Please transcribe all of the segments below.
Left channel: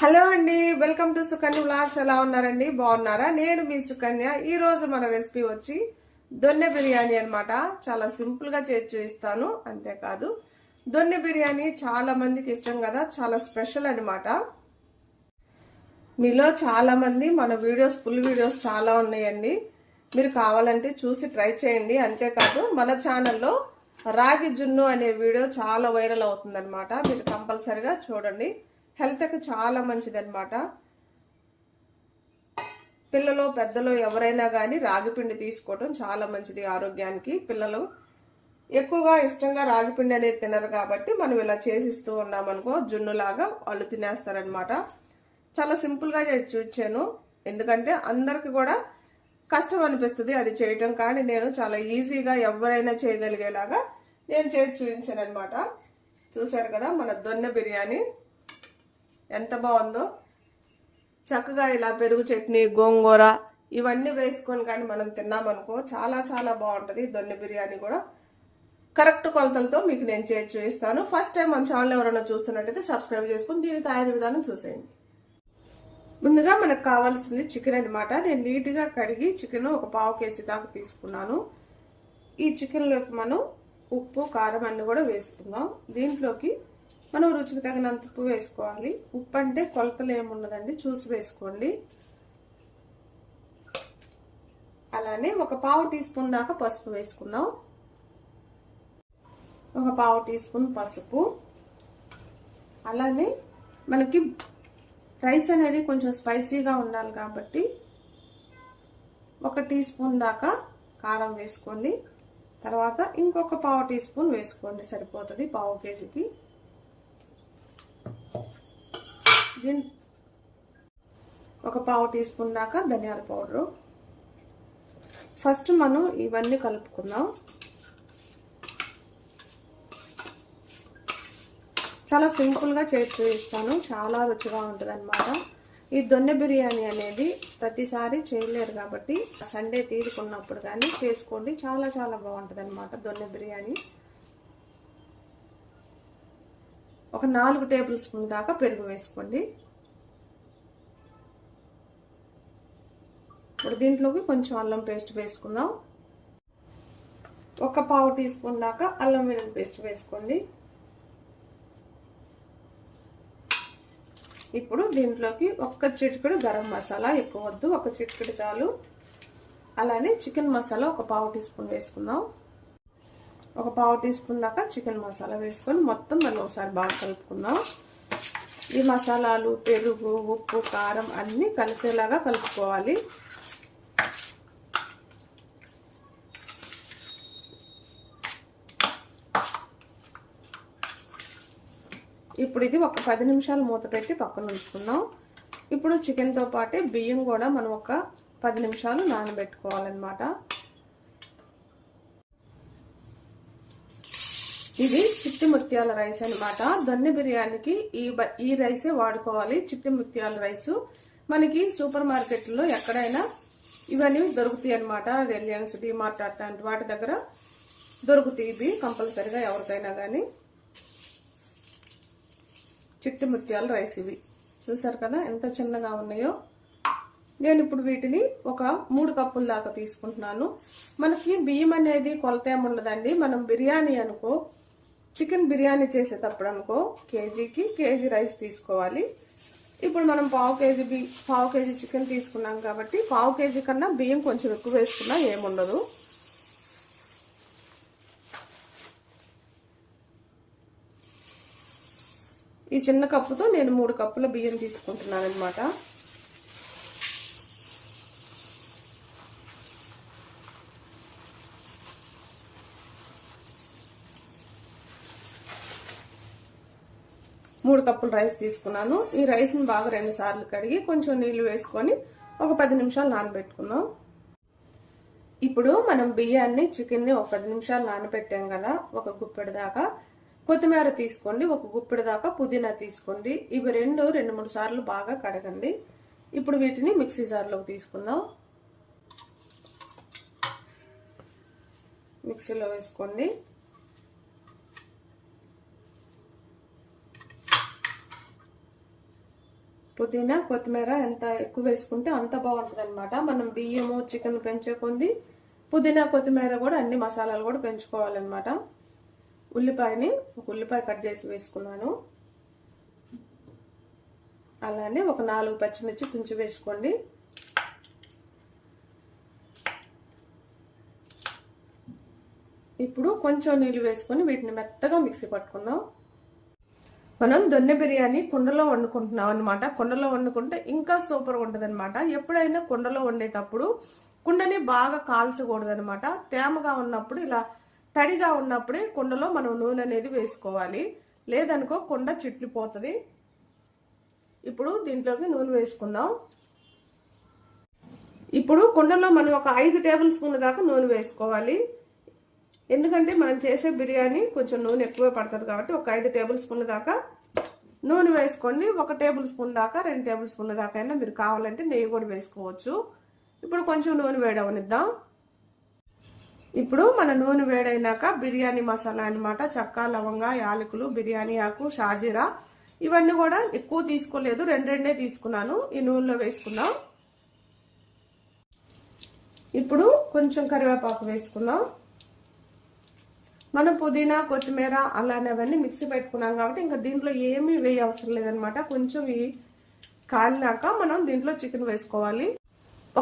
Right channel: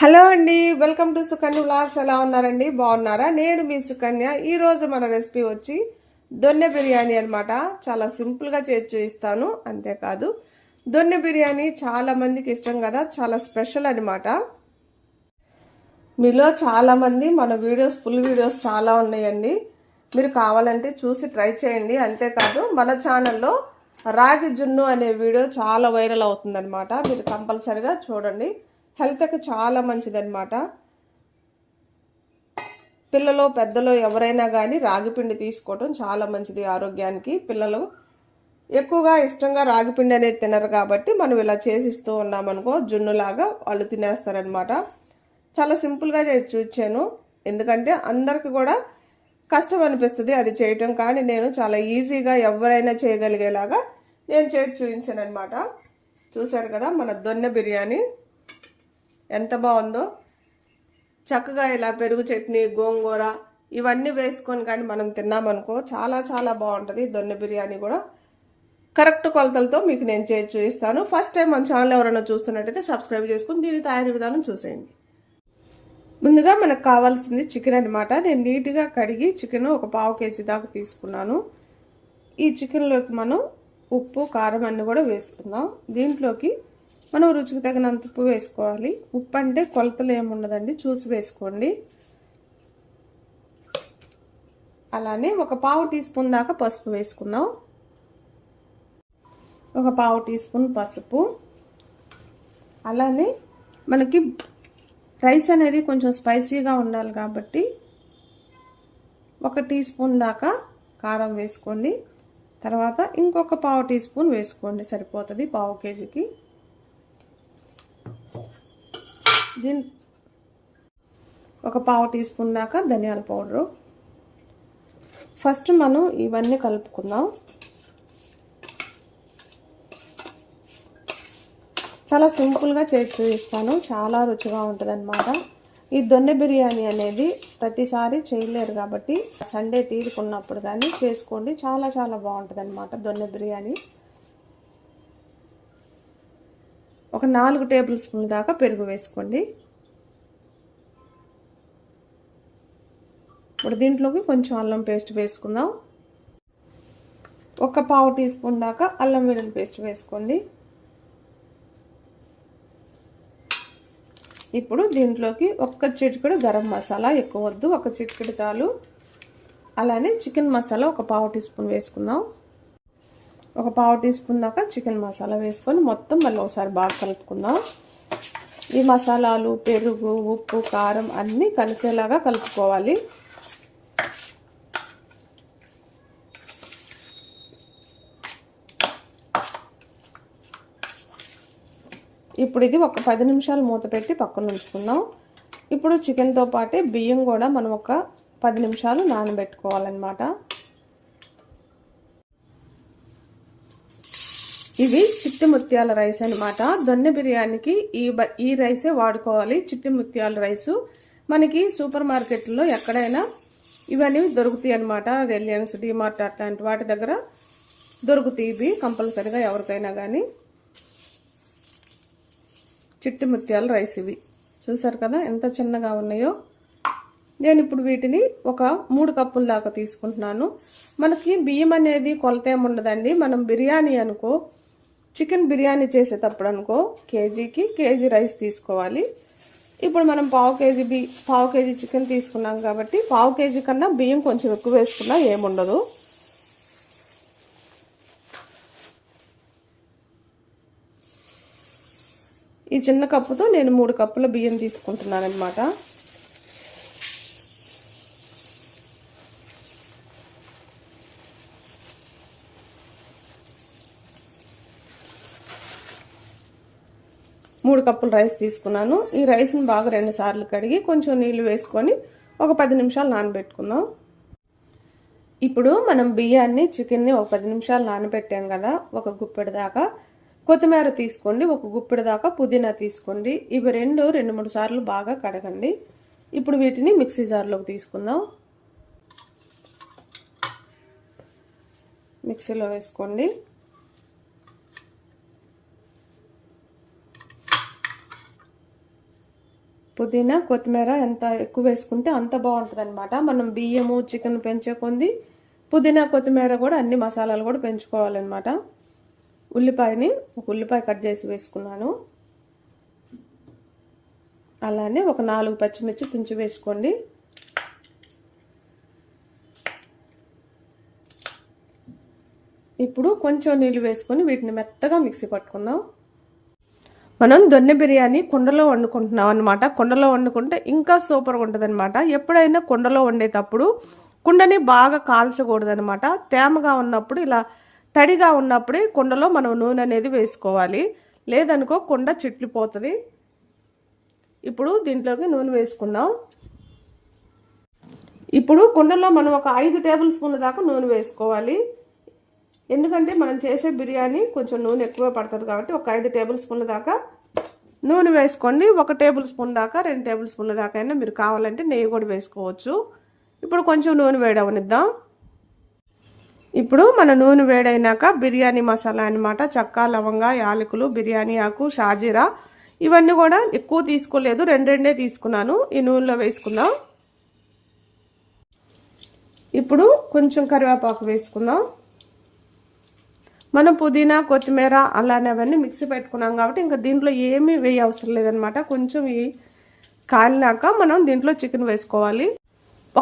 Hello అండి welcome to Sukanya vlogs. ఎలా ఉన్నారండి? బాగున్నారా? నేను మీ సుకన్య. ఈరోజు మన రెసిపీ వచ్చి దొన్నె బిర్యానీ అన్నమాట. చాలా సింపుల్గా చేసి చూపిస్తాను అంతేకాదు. దొన్నె బిర్యానీ చాలా మందికి ఇష్టం కదా చాలా స్పెషల్ అనమాట మీలో చాలామంది మన వీడియోస్ ఫుల్ వీడియోస్ చాలా ఉన్నాయండి. మీరు కావాలంటే చూసి ట్రై చేయండి. అంతేకాదు మన ఛానల్లో రాగి జున్ను అనే వీడియో చాలా వైరల్ అవుతుందన్నమాట. మీరు కంపల్సరిగా చూడండి. హెల్త్కి చాలా మంచిదన్నమాట. పిల్లలు పెద్దలు ఎవరైనా కానీ రాగిపిండి తీసుకోవడం చాలా మంచిది ఆరోగ్యానికి. పిల్లలు ఎక్కువగా ఇష్టంగా రాగిపిండి అనేది తినరు కాబట్టి మనం ఇలా చేసిస్తూ ఉన్నామనుకో జున్నులాగా వాళ్ళు తినేస్తారనమాట చాలా సింపుల్గా చేసి చూచాను. ఎందుకంటే అందరికి కూడా కష్టం అనిపిస్తుంది అది చేయటం కానీ నేను చాలా ఈజీగా ఎవరైనా చేయగలిగేలాగా నేను చేసి చూపించాను అనమాట చూశారు కదా మన దొన్నె బిర్యానీ. ఎంత బాగుందో. చక్కగా ఇలా పెరుగు చట్నీ గోంగూర ఇవన్నీ వేసుకొని కానీ మనం తిన్నామనుకో చాలా చాలా బాగుంటుంది. దొన్నె బిర్యానీ కూడా కరెక్ట్ కొలతలతో మీకు నేను చేసి చూపిస్తాను. ఫస్ట్ టైం మన ఛానల్ ఎవరైనా చూస్తున్నట్టయితే సబ్స్క్రైబ్ చేసుకుని దీని తయారీ విధానం చూసేయండి. ముందుగా మనకు కావాల్సింది చికెన్ అనమాట నేను నీట్గా కడిగి చికెన్ ఒక పావు కేజీ దాకా తీసుకున్నాను. ఈ చికెన్లోకి మనం ఉప్పు కారం అన్నీ కూడా వేసుకుందాం. దీంట్లోకి మనం రుచికి తగినంత ఉప్పు వేసుకోవాలి. ఉప్పు అంటే కొలతలు ఏముండదండి చూసి వేసుకోండి. అలానే ఒక పావు టీ స్పూన్ దాకా పసుపు వేసుకుందాం. ఒక పావు టీ స్పూన్ పసుపు. అలానే మనకి రైస్ అనేది కొంచెం స్పైసీగా ఉండాలి కాబట్టి ఒక టీ స్పూన్ దాకా కారం వేసుకోండి. తర్వాత ఇంకొక పావు టీ స్పూన్ వేసుకోండి సరిపోతుంది పావు కేజీకి. దీని ఒక పావు టీ స్పూన్ దాకా ధనియాల పౌడరు. ఫస్ట్ మనం ఇవన్నీ కలుపుకుందాం. చాలా సింపుల్గా చేసి చూపిస్తాను. చాలా రుచిగా ఉంటుంది అనమాట ఈ దొన్నె బిర్యానీ అనేది ప్రతిసారి చేయలేరు కాబట్టి సండే తీరుకున్నప్పుడు కానీ చేసుకోండి. చాలా చాలా బాగుంటుంది అనమాట దొన్నె బిర్యానీ. ఒక నాలుగు టేబుల్ స్పూన్ దాకా పెరుగు వేసుకోండి. ఇప్పుడు దీంట్లోకి కొంచెం అల్లం పేస్ట్ వేసుకుందాం. ఒక పావు టీ స్పూన్ దాకా అల్లం వెల్లుల్లి పేస్ట్ వేసుకోండి. ఇప్పుడు దీంట్లోకి ఒక్క చిటికెడు గరం మసాలా ఎక్కువ వద్దు ఒక చిటికెడు చాలు. అలానే చికెన్ మసాలా ఒక పావు టీ స్పూన్ వేసుకుందాం. ఒక పావు టీ స్పూన్ దాకా చికెన్ మసాలా వేసుకొని మొత్తం మళ్ళీ ఒకసారి బాగా కలుపుకుందాం. ఈ మసాలాలు పెరుగు ఉప్పు కారం అన్నీ కలిసేలాగా కలుపుకోవాలి. ఇప్పుడు ఇది ఒక పది నిమిషాలు మూత పెట్టి పక్కన ఉంచుకుందాం. ఇప్పుడు చికెన్తో పాటే బియ్యం కూడా మనం ఒక పది నిమిషాలు నానబెట్టుకోవాలన్నమాట. ఇది చిట్టి ముత్యాల రైస్ అనమాట దొన్నె బిర్యానీకి ఈ ఈ రైసే వాడుకోవాలి చిట్టి ముత్యాల రైసు. మనకి సూపర్ మార్కెట్లో ఎక్కడైనా ఇవన్నీ దొరుకుతాయి అనమాట రిలయన్స్ డిమార్ట్ అట్లాంటి వాటి దగ్గర దొరుకుతాయి ఇవి కంపల్సరిగా ఎవరికైనా కానీ చిట్టి ముత్యాల రైస్ ఇవి. చూసారు కదా ఎంత చిన్నగా ఉన్నాయో. నేను ఇప్పుడు వీటిని ఒక మూడు కప్పుల దాకా తీసుకుంటున్నాను. మనకి బియ్యం అనేది కొలత ఏముండదండి మనం బిర్యానీ అనుకో చికెన్ బిర్యానీ చేసేటప్పుడు అనుకో కేజీకి కేజీ రైస్ తీసుకోవాలి. ఇప్పుడు మనం పావు కేజీ బి పావు కేజీ చికెన్ తీసుకున్నాం కాబట్టి పావు కేజీ కన్నా బియ్యం కొంచెం ఎక్కువ వేసుకున్నా ఏముండదు. ఈ చిన్న కప్పుతో నేను మూడు కప్పుల బియ్యం తీసుకుంటున్నాను అనమాట మూడు కప్పులు రైస్ తీసుకున్నాను. ఈ రైస్ని బాగా రెండు సార్లు కడిగి కొంచెం నీళ్ళు వేసుకొని ఒక పది నిమిషాలు నానబెట్టుకుందాం. ఇప్పుడు మనం బియ్యాన్ని చికెన్ని ఒక పది నిమిషాలు నానబెట్టాం కదా ఒక గుప్పెడు దాకా. కొత్తిమీర తీసుకోండి ఒక గుప్పెడు దాకా పుదీనా తీసుకోండి. ఇవి రెండు రెండు మూడు సార్లు బాగా కడగండి. ఇప్పుడు వీటిని మిక్సీ జార్లోకి తీసుకుందాం. మిక్సీలో వేసుకోండి. పుదీనా కొత్తిమీర ఎంత ఎక్కువ వేసుకుంటే అంత బాగుంటుంది అనమాట మనం బియ్యము చికెన్ పెంచే కొంది పుదీనా కొత్తిమీర కూడా అన్ని మసాలాలు కూడా పెంచుకోవాలన్నమాట. ఉల్లిపాయని ఒక ఉల్లిపాయ కట్ చేసి వేసుకున్నాను. అలానే ఒక నాలుగు పచ్చిమిర్చి తుంచి వేసుకోండి. ఇప్పుడు కొంచెం నీళ్ళు వేసుకొని వీటిని మెత్తగా మిక్సీ పట్టుకుందాం. మనం దొన్నె బిర్యానీ కుండలో వండుకుంటున్నాం అనమాట కుండలో వండుకుంటే ఇంకా సూపర్గా ఉంటుంది అనమాట ఎప్పుడైనా కుండలో వండేటప్పుడు కుండని బాగా కాల్చకూడదు అనమాట తేమగా ఉన్నప్పుడు ఇలా తడిగా ఉన్నప్పుడే కుండలో మనం నూనె అనేది వేసుకోవాలి. లేదనుకో కుండ చిట్లిపోతుంది. ఇప్పుడు దీంట్లోకి నూనె వేసుకుందాం. ఇప్పుడు కుండలో మనం ఒక ఐదు టేబుల్ స్పూన్ల దాకా నూనె వేసుకోవాలి. ఎందుకంటే మనం చేసే బిర్యానీ కొంచెం నూనె ఎక్కువ పడుతుంది కాబట్టి ఒక ఐదు టేబుల్ స్పూన్ల దాకా నూనె వేసుకోండి. ఒక టేబుల్ స్పూన్ దాకా రెండు టేబుల్ స్పూన్ల దాకా అయినా మీరు కావాలంటే నెయ్యి కూడా వేసుకోవచ్చు. ఇప్పుడు కొంచెం నూనె వేడవనిద్దాం. ఇప్పుడు మన నూనె వేడైనాక బిర్యానీ మసాలా అనమాట చక్కా లవంగా యాలకులు బిర్యానీ ఆకు షాజీరా ఇవన్నీ కూడా ఎక్కువ తీసుకోలేదు. రెండు రెండే తీసుకున్నాను. ఈ నూనెలో వేసుకుందాం. ఇప్పుడు కొంచెం కరివేపాకు వేసుకుందాం. మనం పుదీనా కొత్తిమీర అలానే అవన్నీ మిక్సీ పెట్టుకున్నాం కాబట్టి ఇంకా దీంట్లో ఏమీ వేయ అవసరం లేదనమాట కొంచెం ఈ కాలినాక మనం దీంట్లో చికెన్ వేసుకోవాలి.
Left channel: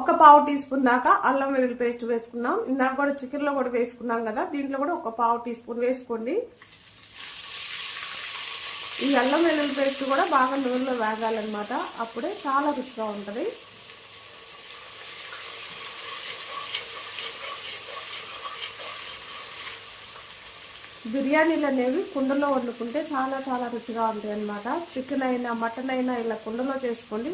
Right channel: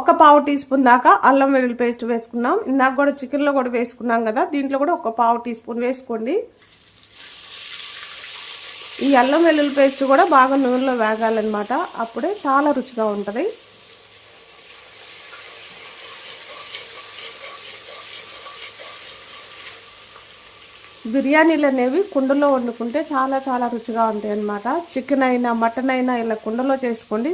ఒక పావు టీ స్పూన్ దాకా అల్లం వెల్లుల్లి పేస్ట్ వేసుకున్నాం. ఇందాక కూడా చికెన్లో కూడా వేసుకున్నాం కదా దీంట్లో కూడా ఒక పావు టీ స్పూన్ వేసుకోండి. ఈ అల్లం వెల్లుల్లి పేస్ట్ కూడా బాగా నూనెలో వేగాలన్నమాట. అప్పుడే చాలా రుచిగా ఉంటుంది. బిర్యానీలు అనేవి కుండలో వండుకుంటే చాలా చాలా రుచిగా ఉంటాయి అన్నమాట చికెన్ అయినా మటన్ అయినా ఇలా కుండలో చేసుకోండి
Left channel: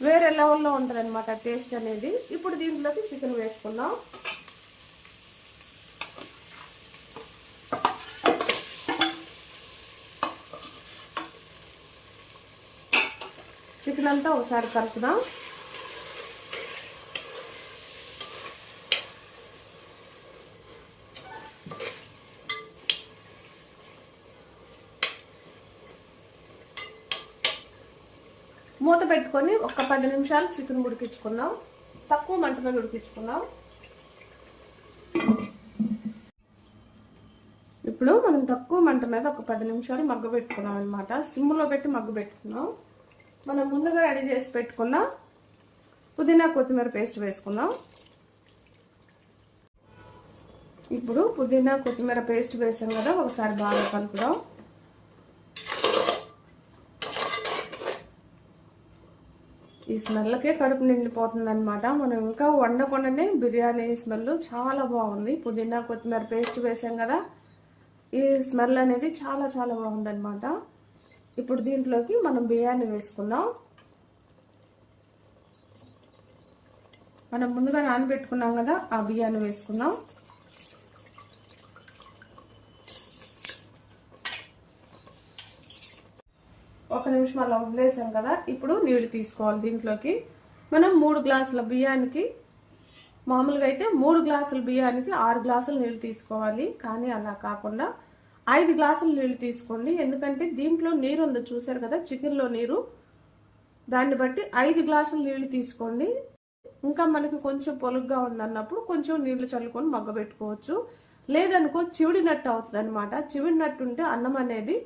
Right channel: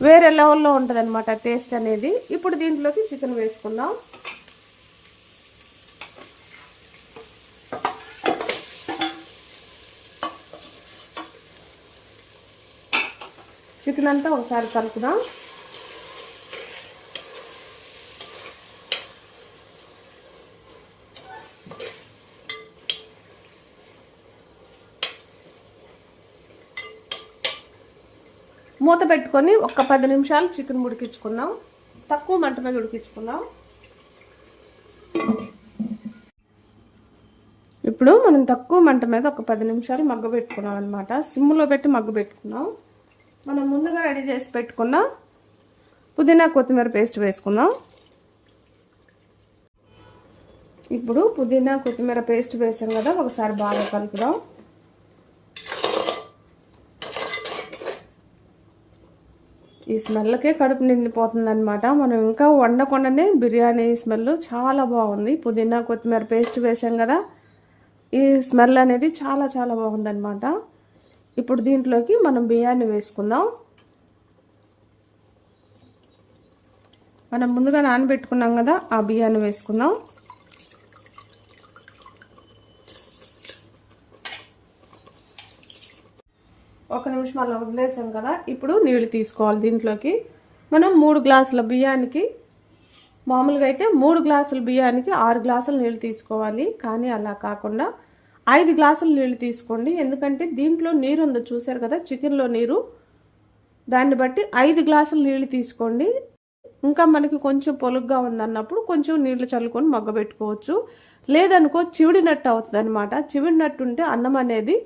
వేరే లెవెల్లో ఉంటుంది అనమాట టేస్ట్ అనేది. ఇప్పుడు దీంట్లోకి చికెన్ వేసుకుందాం. చికెన్ అంతా ఒకసారి కలుపుదాం. మూత పెట్టుకొని ఒక పది నిమిషాలు చికెన్ ఉడికించుకున్నాం తక్కువ మంట మీద ఉడికించుకున్నాం ఇప్పుడు మనం తక్కువ మంట మీద ఒక పది నిమిషాలు మగ్గ పెట్టుకున్నాం అనమాట సిమ్లో పెట్టి మగ్గ పెట్టుకున్నాం. మనం ముందుగా రెడీ చేసి పెట్టుకున్న పుదీనా కొత్తిమీర పేస్ట్ వేసుకుందాం. ఇప్పుడు పుదీనా కొత్తిమీర పేస్ట్ వేసాం కదా ఒకసారి బాగా కలుపుదాం. ఈ స్మెల్కే కడుపు నిండిపోతుంది అనమాట మనం ఇంకా వండకుండానే బిర్యానీ స్మెల్ చాలా బాగుంది. పుదీనా కొత్తిమీర పేస్ట్ వేసాం కదా. ఈ స్మెల్ అనేది చాలా చాలా బాగుందనమాట ఇప్పుడు దీంట్లోకి మనం బియ్యాన్ని వేసుకుందాం. మనం ముందుగా నానబెట్టుకున్నాం కదా ఆ బియ్యాన్ని వేసుకుందాం. ఒక నిమిషం అలా వదిలేసాం కదా ఇప్పుడు నీళ్ళు తీసుకోవాలి దీంట్లోకి. మనం మూడు గ్లాసుల బియ్యానికి మామూలుగా అయితే మూడు గ్లాసుల బియ్యానికి ఆరు గ్లాసుల నీళ్ళు తీసుకోవాలి కానీ అలా కాకుండా ఐదు గ్లాసుల నీళ్ళు తీసుకోండి. ఎందుకంటే దీంట్లో నీరు ఉందో చూసారు కదా చికెన్లో నీరు. దాన్ని బట్టి ఐదు గ్లాసుల నీళ్ళు తీసుకోండి. ఇంకా మనకి కొంచెం పొలుగ్గా ఉందన్నప్పుడు కొంచెం నీళ్ళు చల్లుకొని మగ్గ పెట్టుకోవచ్చు. లేదనుకో చివిడినట్టు అవుతుంది అనమాట చివిడినట్టు ఉంటే అన్నం అనేది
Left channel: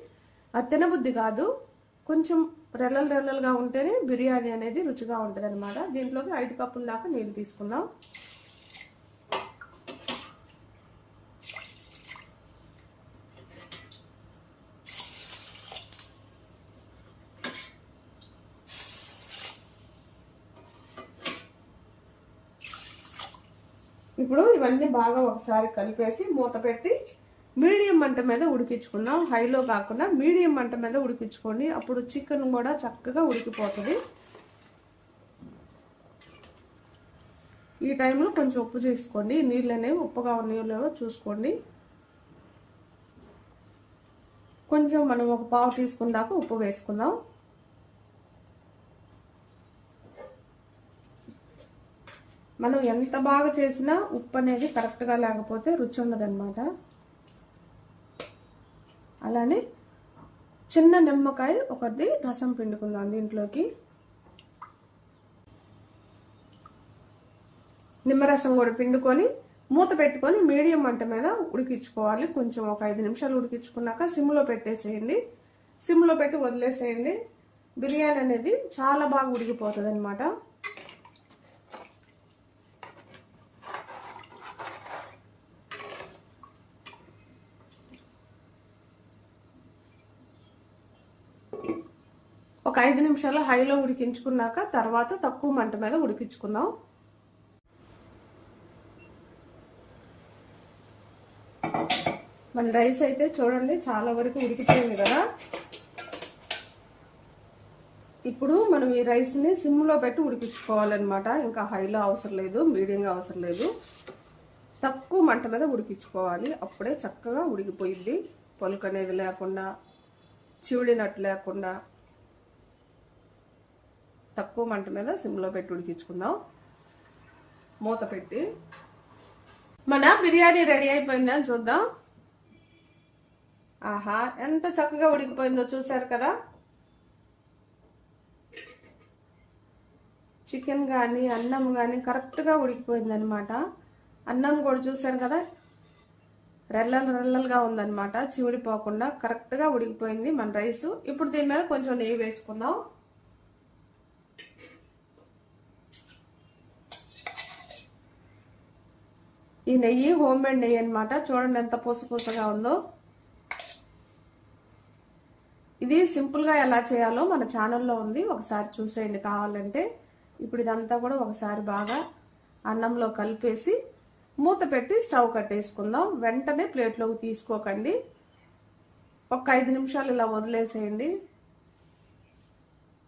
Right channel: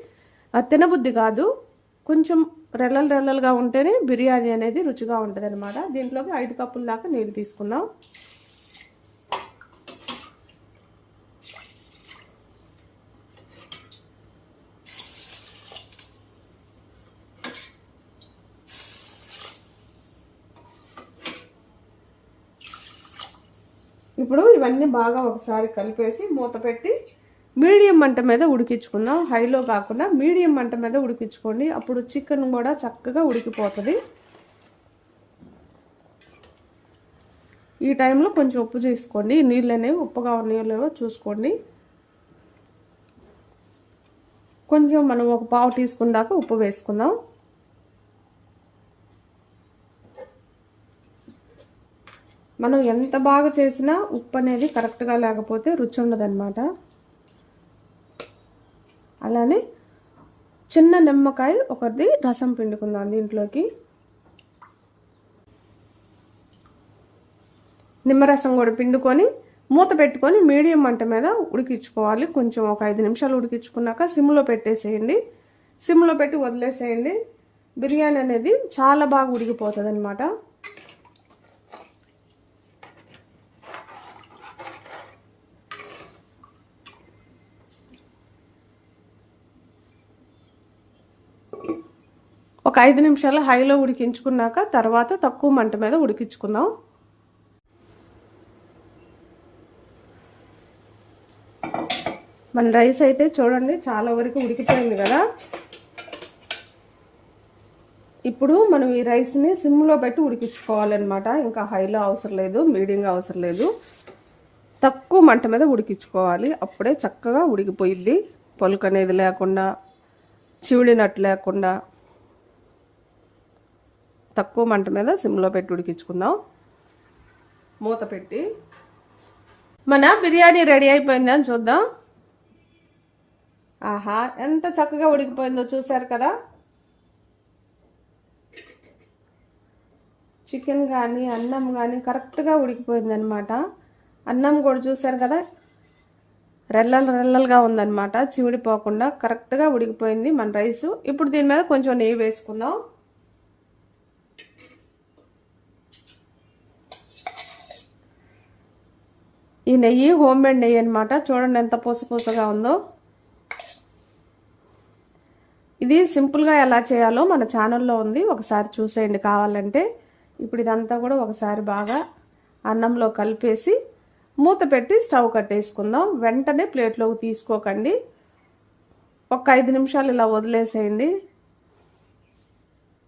తినబుద్ధి కాదు. కొంచెం రెల్లలు రెల్లలుగా ఉంటేనే బిర్యానీ అనేది రుచిగా ఉంటుంది అనమాట దీంట్లోకి ఐదు కప్పుల దాకా నీళ్ళు తీసుకుందాం. ఇప్పుడు ఇవన్నీ బాగా ఒకసారి కలిపేసి మూత పెట్టి మీడియం మంట మీద ఉడికించుకుందాం. హైలో కాకుండా మీడియం మంట మీద ఉడికించుకోండి. అప్పుడు చికెన్ కూడా చక్కగా ఉడికిపోతుంది. ఈ టైంలో కొంచెం ఉప్పు చేసుకోండి. నీళ్ళు అనేవి ఉప్పుగా ఉన్నాయో చూసుకోండి. కొంచెం మనం ఒక పావు టీస్పూన్ దాకా ఉప్పు వేసుకుందాం. మనం ఎంత బాగా చేసినా ఉప్పు అనేది కరెక్ట్గా లేకపోతే రుచి ఉండదన్నమాట. అలానే చిన్న నిమ్మకాయ ఒకటి రసం పిండుకుందాం దీంట్లోకి. నిమ్మరసం కూడా పిండుకొని మూత పెట్టుకొని మీడియం మంట మీద ఉడికించుకోవాలి. కొంచెం ఒక ఐదు నిమిషాలు ఉడికించుకున్నాక సిమ్లో పెట్టేసేయండి. సిమ్లో పెట్టి వదిలేసేయండి. బిర్యానీ అనేది చాలా బాగా ఉడికిపోతుంది అనమాట ఒక ఐదు నిమిషాలు హైలో ఉడికించుకున్నాక తర్వాత తక్కువ మంట మీద ఉడికించుకుందాం. మన రైస్ అయితే చూడండి చాలా వరకు ఉడికిపోయింది కదా. ఇప్పుడు మనం ఈ రైస్ని సిమ్లో పెట్టి ఉడికించుకోవాలన్నమాట. ఇంకా హైలో అవసరం లేదు మీడియంగా అవసరం లేదు. తక్కువ మంట మీద ఉడికించుకోవాలి. అప్పుడే చక్కగా ఉడికిపోయిద్ది. పొలుకు అనేది లేకుండా చివిడినట్టు లేకుండా. తక్కువ మంట మీద సిమ్లో పెట్టి ఉడికించుకుందాం. మూత పెట్టి. మన బిర్యానీ రెడీ అయిపోయిందని చూద్దాం. ఆహా ఎంత చక్కగా ఉడికిపోయిందో చూసారు కదా. చికెన్ కానీ అన్నం కానీ కరెక్ట్గా ఉడికిపోయిందనమాట అన్నం కూడా చూసారు కదా. రెల్లలు రెల్లలుగా ఉందనమాట చివిడిపోకుండా కరెక్ట్గా ఉడికిపోయింది మన రైసు. ఇప్పుడు దీని మీద కొంచెం నెయ్యి వేసుకుందాం. ఈ నెయ్యి హోమ్ మేడ్ నెయ్యి అనమాట చూడండి ఎంత పూసపూసగా ఉందో. ఇది సింపుల్గా ఎలా చేయాలో మన ఛానల్లో ఉంది. ఒకసారి చూసేయండి కావాలంటే. ఇప్పుడు ఇదంతా కూడా ఒకసారి బాగా అన్నంలో కలిపేసి మూత పెట్టి స్టవ్ కట్టేసుకుందాం. వెంటనే ప్లేట్లోకి తీసుకోకండి. ఒక ఐదు నిమిషాలు ఇలా వదిలేసేయండి.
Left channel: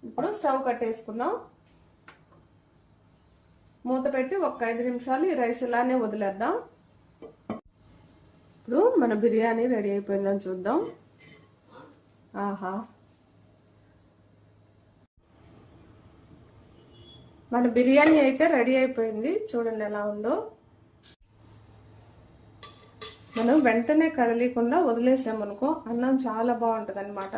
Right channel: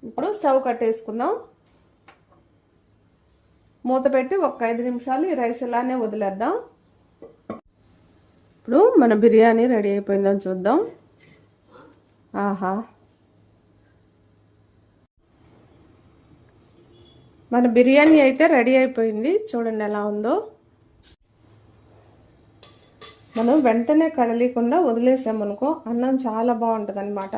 ఇప్పుడు స్టవ్ కట్టేసుకుందాం. మూత పెట్టి ఒక ఐదు నిమిషాలు ఈ రైస్ ఇలానే వదిలేద్దాం. ఇప్పుడు మన బిర్యానీ రెడీ అయిపోయిందని చూద్దాం. ఆహా. మన బిర్యానీ అయితే రెడీ అయిపోయింది. చూడండి ఎలా ఉందో. మనం వెంటనే కదలికుండా వదిలేసామనుకో అన్నం చాలా బాగుంటుంది అనమాట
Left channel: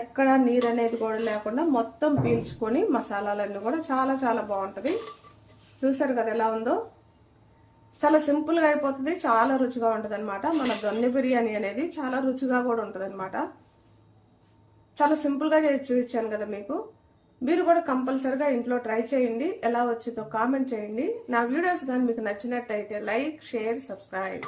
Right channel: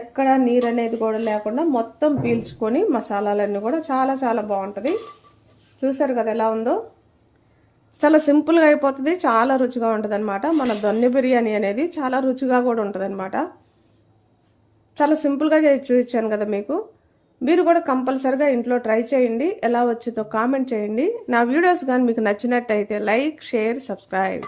ఎక్కడ నీరు అనేది కూడా లేకుండా మొత్తం పీల్చుకొని మసాలాలన్నీ కూడా చాలా చాలా బాగుంటుంది. చూసారు కదా ఎలా ఉందో? చాలా సింపుల్గా అయిపోతుంది చాలా రుచిగా ఉంటుంది అనమాట మన దొన్నె బిర్యానీ అనేది చాలా రుచిగా కూడా ఉంటుంది అనమాట చాలా సింపుల్గా చూపించాను కదా మీకు. మీరు కూడా కంపల్సరిగా ఇంట్లో ట్రై చేయండి ఎలా వచ్చిందో కామెంట్ చేయండి. నా వీడియోస్ కానీ మీకు నచ్చినట్టయితే లైక్ షేర్ సబ్స్క్రైబ్.